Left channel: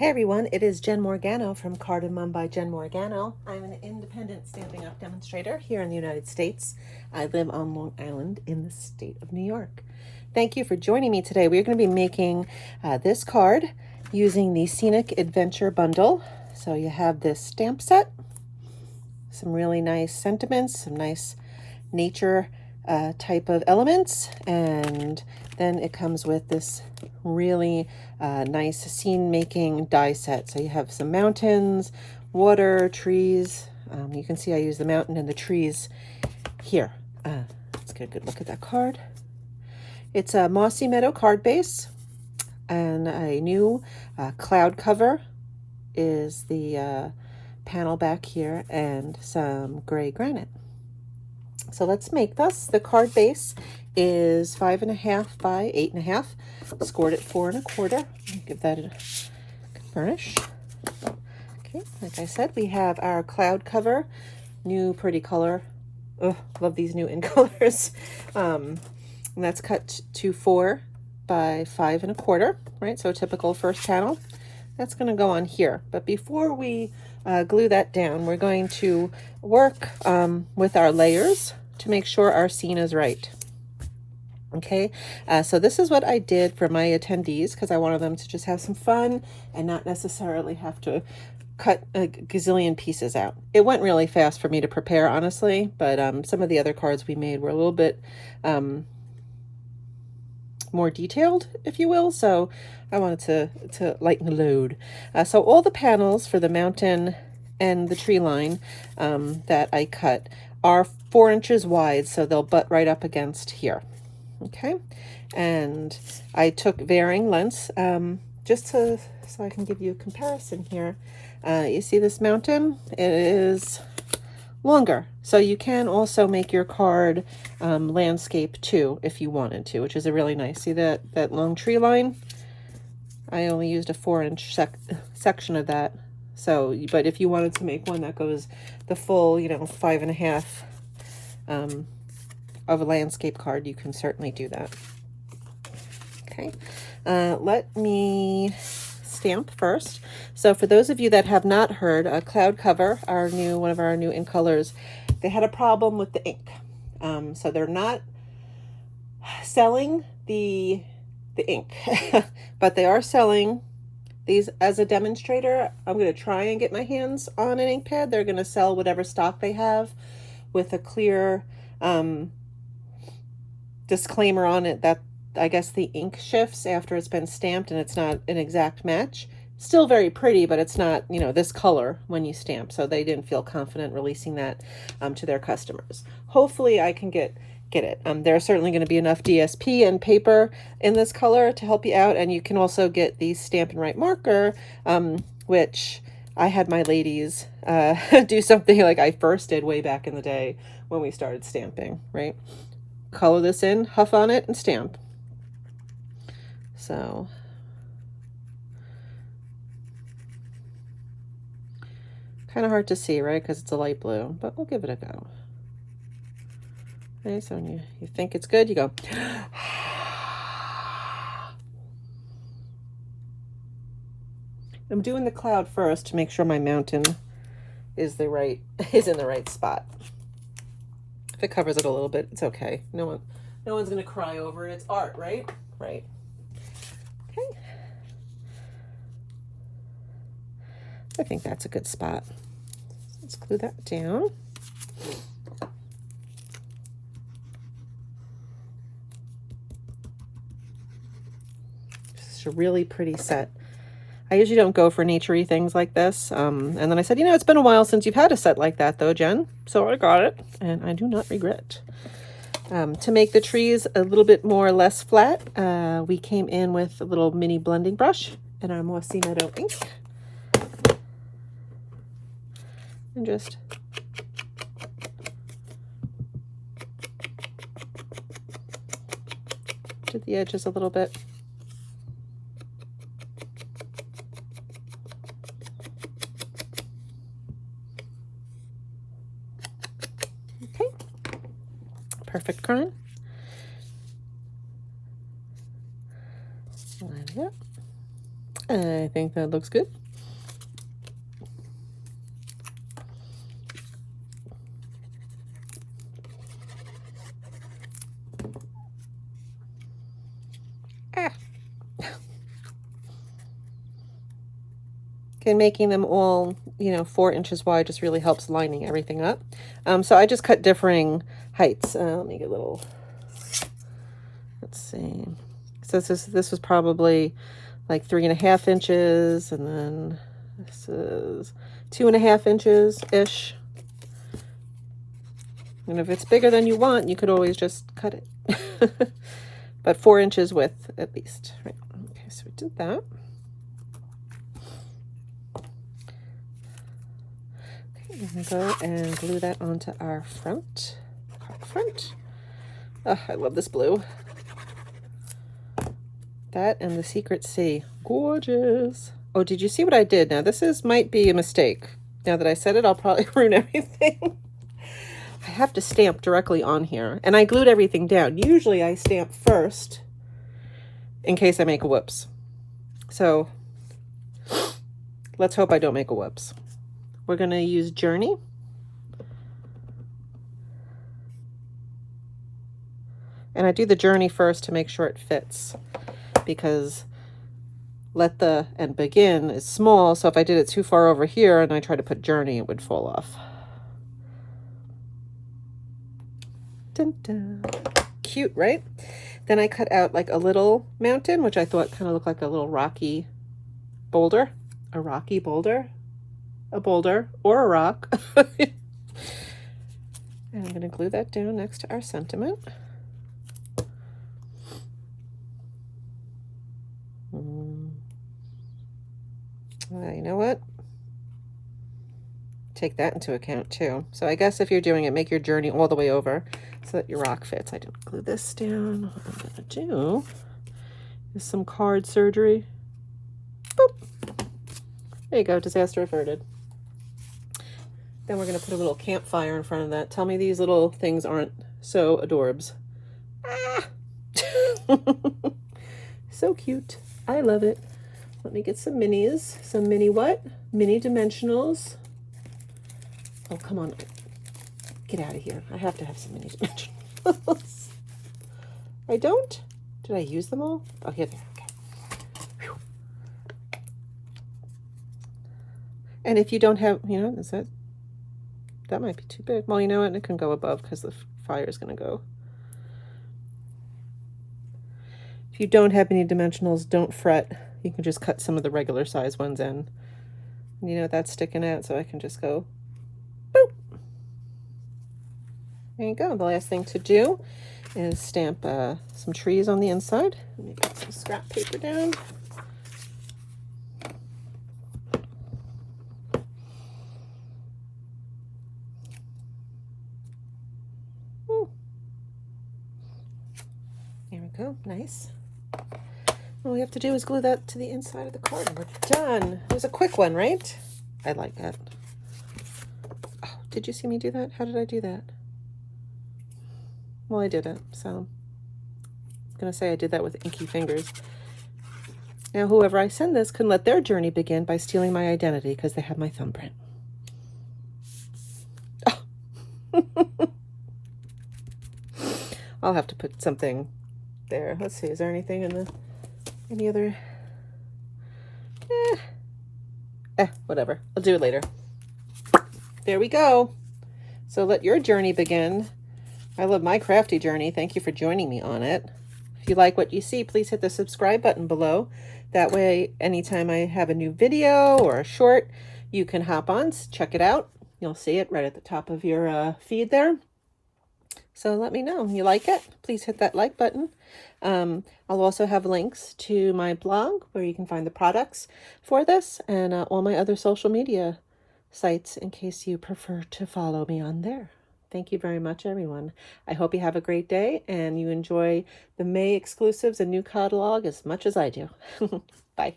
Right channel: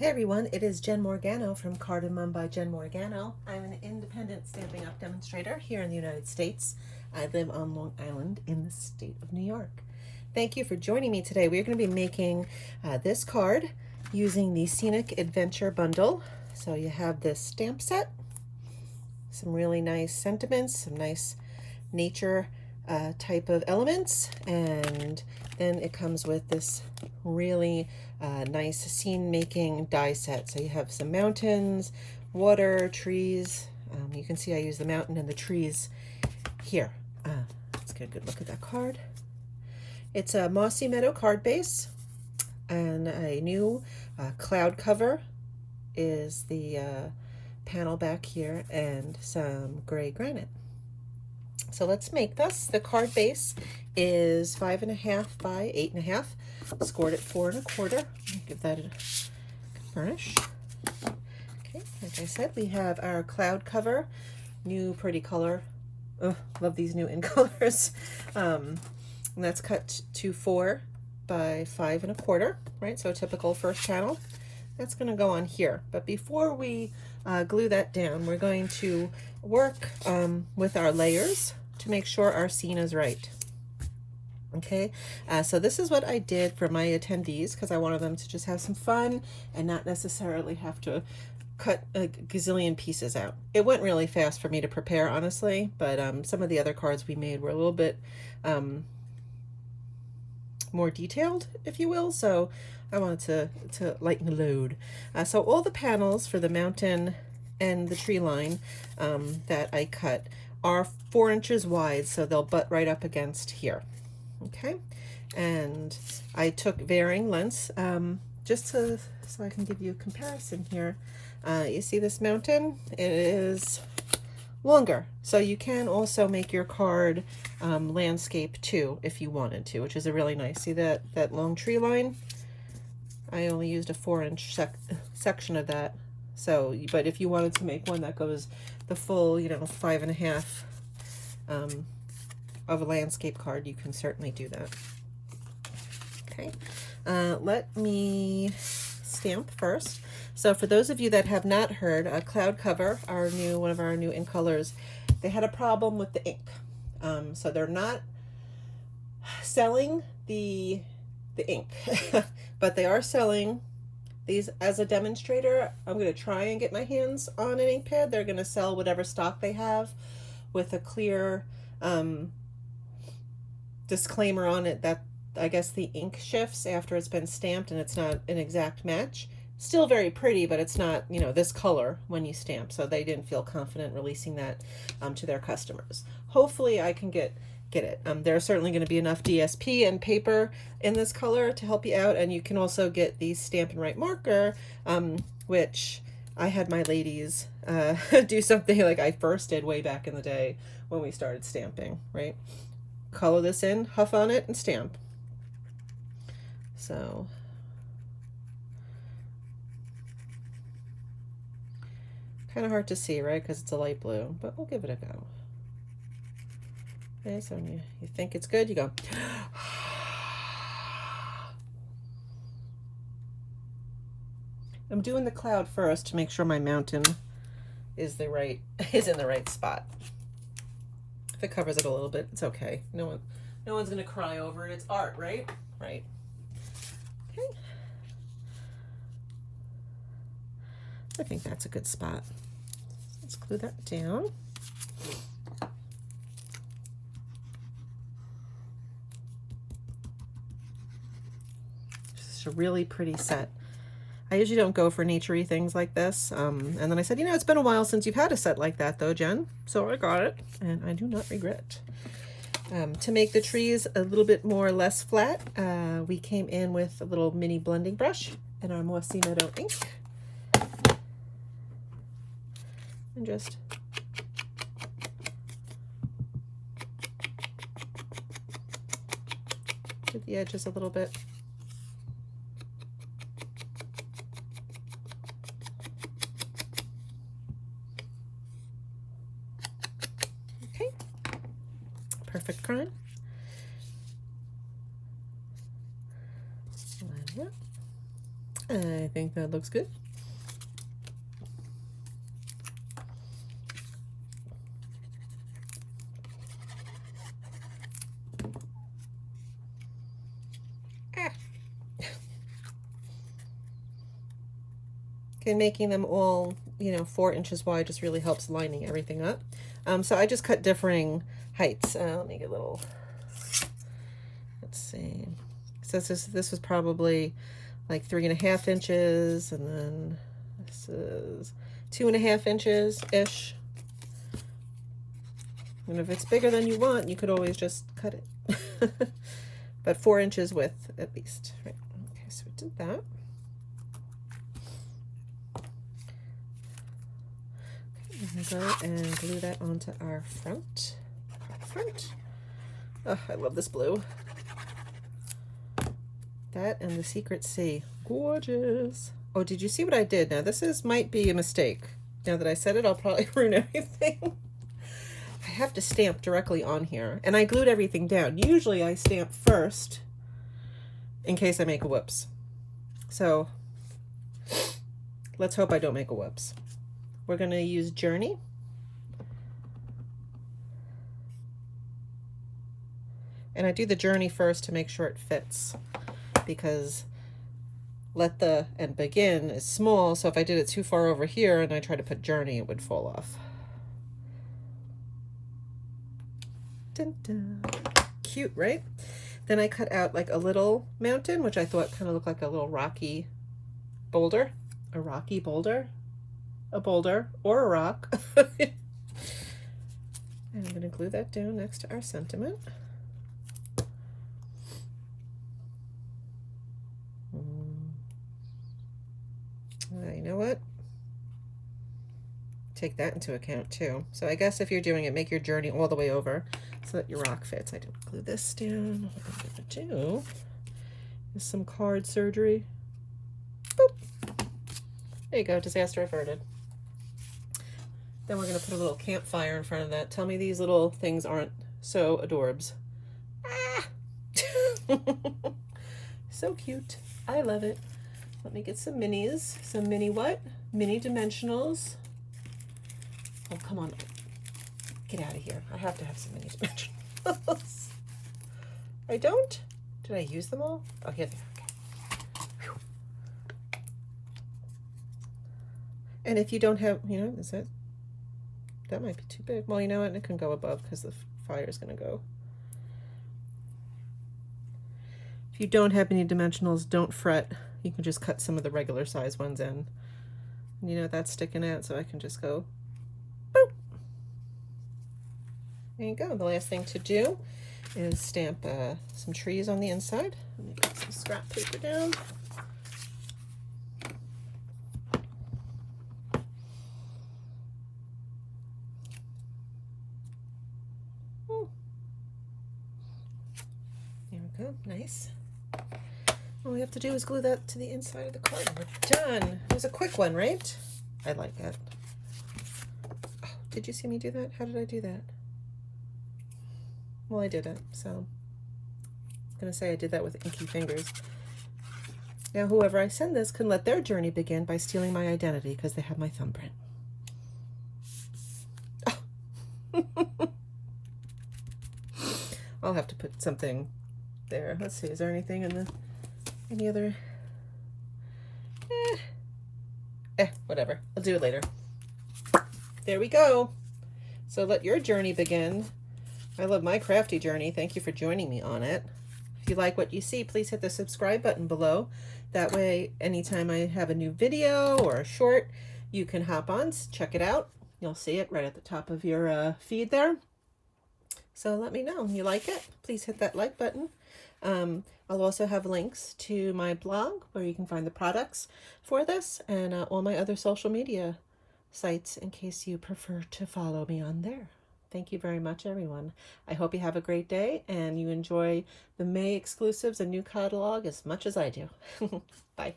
Hey everyone, it is Jen Morgano from Card and Mum by Jen Morgano. I'm an independent Stampin' Up! Demonstrator here in the United States. I live on Long Island in the state of New York. Thank you for joining me today. We're going to be making this card using the Scenic Adventure bundle. So you have this stamp set, some really nice sentiments, some nice nature type of elements, and then it comes with this really nice scene making die set. So you have some mountains, water, trees. You can see I use the mountain and the trees here. Let's get a good look at that card. It's a Mossy Meadow card base, and a new cloud cover is the panel back here, and some gray granite. So let's make this. The card base is 5.5 by 8.5, scored at 4 1/4. Give that a burnish. Okay, like I said, we have our cloud cover, new pretty color. Oh, love these new in colors. And that's cut to 4 by 5 1/4, right? So typical first panel. That's going to go on here. But before we glue that down, we're going to work with our layers to make sure our scene is right. Okay, so this is what I did for my attendees because I wanted them to just have some fun and not necessarily have to cut a gazillion pieces out. It went really fast for me to prepare, honestly, but some of the other cards we made were a little bit more detailed, if you will, so I wanted to lighten the load. So all the panels for the mountain and the tree line that I cut are 4 inches wide, so they'll butt right up against here. Okay, and I took varying lengths just so I can give you a comparison here. You see this mountain? It is longer, so you can also make your card landscape too if you wanted to, which is a really nice. See that long tree line? I only used a 4-inch section of that. So, but if you wanted to make one that goes the full, 5.5 of a landscape card, you can certainly do that. Okay, let me stamp first. So for those of you that have not heard, Cloud Cover, one of our new in colors, they had a problem with the ink. So they're not selling the ink, but they are selling these as a demonstrator. I'm going to try and get my hands on an ink pad. They're going to sell whatever stock they have with a clear disclaimer on it that I guess the ink shifts after it's been stamped and it's not an exact match. Still very pretty, but it's not, this color when you stamp. So they didn't feel confident releasing that to their customers. Hopefully I can get it. There's certainly going to be enough DSP and paper in this color to help you out. And you can also get the Stampin' Right marker, which I had my ladies do something like I first did way back in the day when we started stamping, right? Color this in, huff on it, and stamp. So kind of hard to see, right? Because it's a light blue, but we'll give it a go. Okay, so when you think it's good, you go. I'm doing the cloud first to make sure my mountain is in the right spot. If it covers it a little bit, it's okay. No one's gonna cry over it. It's art, right? Right. Okay. I think that's a good spot. Let's glue that down. It's a really pretty set. I usually don't go for nature-y things like this. And then I said, it's been a while since you've had a set like that though, Jen. So I got it, and I do not regret. To make the trees a little bit less flat, we came in with a little mini blending brush and our Mossy Meadow ink. And just to the edges a little bit. Okay, perfect crayon. Line it up. I think that looks good. And making them all, 4 inches wide just really helps lining everything up. So I just cut differing heights. Let me get a little, let's see. So this was probably like 3.5 inches, and then this is 2.5 inches-ish. And if it's bigger than you want, you could always just cut it. But 4 inches width at least. Right. Okay, so we did that. I'm gonna go and glue that onto our front. Oh, I love this blue. That and the Secret Sea. Gorgeous. Oh, did you see what I did? Now, might be a mistake. Now that I said it, I'll probably ruin everything. I have to stamp directly on here. And I glued everything down. Usually I stamp first in case I make a whoops. So let's hope I don't make a whoops. We're going to use Journey. And I do the Journey first to make sure it fits, because and Begin is small, so if I did it too far over here and I try to put Journey, it would fall off. Dun, dun. Cute, right? Then I cut out like a little mountain, which I thought kind of looked like a little rocky boulder. A rocky boulder? A boulder or a rock. And I'm going to glue that down next to our sentiment. You know what? Take that into account too. So I guess if you're doing it, make your Journey all the way over so that your rock fits. I didn't glue this down. What I'm going to do is some card surgery. Boop. There you go. Disaster averted. Then we're going to put a little campfire in front of that. Tell me these little things aren't so adorbs. Ah! So cute. I love it. Let me get some minis. Some mini what? Mini dimensionals. Oh, come on. Get out of here. I have to have some mini dimensionals. I don't? Did I use them all? Oh, here they are. Okay. Whew. And if you don't have, that might be too big. Well, you know what? It can go above because the fire is going to go. If you don't have any dimensionals, don't fret. You can just cut some of the regular size ones in. That's sticking out, so I can just go boop. There you go. The last thing to do is stamp some trees on the inside. Let me put some scrap paper down. There we go. Nice. All we have to do is glue that to the inside of the card and we're done. It was a quick one, right? I like that. Oh, did you see me do that? How did I do that? Well, I did it, so I'm gonna say I did that with inky fingers. Now, whoever I send this can let their journey begin by stealing my identity because they have my thumbprint. Oh. I'll have to put something there. Let's see, is there anything in any other? Whatever. I'll do it later. There we go. So let your journey begin. I love my crafty journey. Thank you for joining me on it. If you like what you see, please hit the subscribe button below. That way, anytime I have a new video or a short, you can hop on, check it out. You'll see it right at the top of your feed there. So let me know. You like it? Please hit that like button. I'll also have links to my blog where you can find the products for this and all my other social media sites in case you prefer to follow me on there. Thank you very much, everyone. I hope you have a great day and you enjoy the May exclusives and new catalog as much as I do. Bye.